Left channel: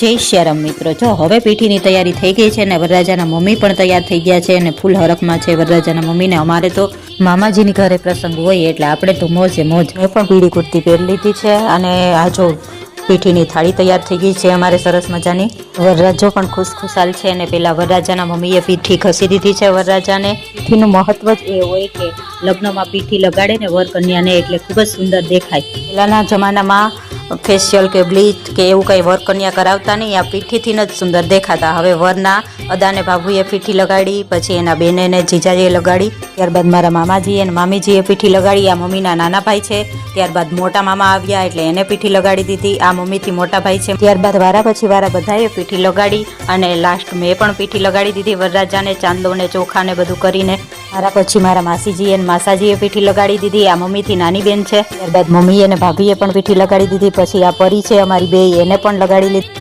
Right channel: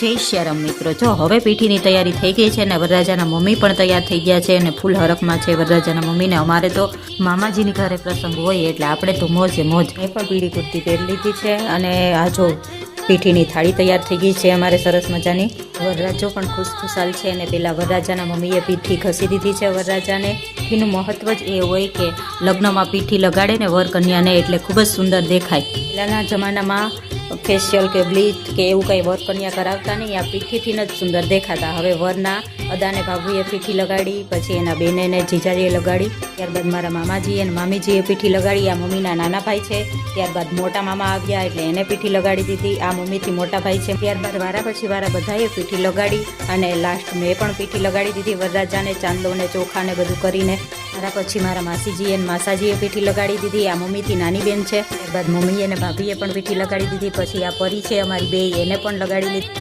જય શ્યારામ મિત્રો, જો હવે પીઠીની તૈયારી થઈ ગઈ છે ને વરરાજાના મમ્મી પણ તૈયાર થઈ ગયા છે અને ફૂલ હરખમાં છે વરરાજાના મમ્મીને. અમારે તો મામાજીની ઘરે પ્રસંગ હોય એટલે આપણે તો મોજે મોજ. મેં પણ પીળી કુર્તી પહેરી લીધી છે અને આ જો પીઠીની થાળી તૈયાર થઈ ગઈ છે અમારે સરસ મજાની. વરરાજો પણ ખુશખુશાલ છે અને પેલા વરરાજાના મમ્મીએ પીઠી ખસી દીધી છે વરરાજાને. પીઠીનું મહત્વ જ એ હોય કે લગ્નમાં પીઠી લગાડે ને વર કન્યાને એટલે ખૂબ જ સુંદર દેખાય. પહેલાના જમાનામાં ફેશિયલ કે બ્લીચ કે એવું કંઈ વર કન્યા કરાવતા નહીં, આ પીઠીથી જ સુંદર દેખાતા. હવે વરના અદાને ભાભુએ પીઠી લગાડી, પછી એના બેને ને જીજાજીએ લગાડી, ત્યારબાદ મારા મામાજીએ અને મામીજીએ પીઠી લગાડી. આ મમ્મીના નાના ભાઈ છે, ત્યારબાદ મોટા મામા આવ્યા એટલે એને પીઠી લગાડી દીધી. આ મમ્મીથી મોટા ભાઈ છે, ત્યારબાદ વારા પછી વારા બધાએ પીઠી લગાડી અને લાસ્ટ મેં પણ પીઠી લગાડી દીધી વરરાજાને, ચાંદલો ને ચોખા ને બધું કરીને. મારા પછી મારા માસીજીએ અને માસાજીએ પીઠી લગાડી દીધી. આ મમ્મીથી નાની બેન છે, ત્યારબાદ મમ્મીએ અને ભાભીએ પણ પીઠી લગાડી દીધી. પછી આ પરી છે અમારી બે, એને પણ લગાડી લીધી.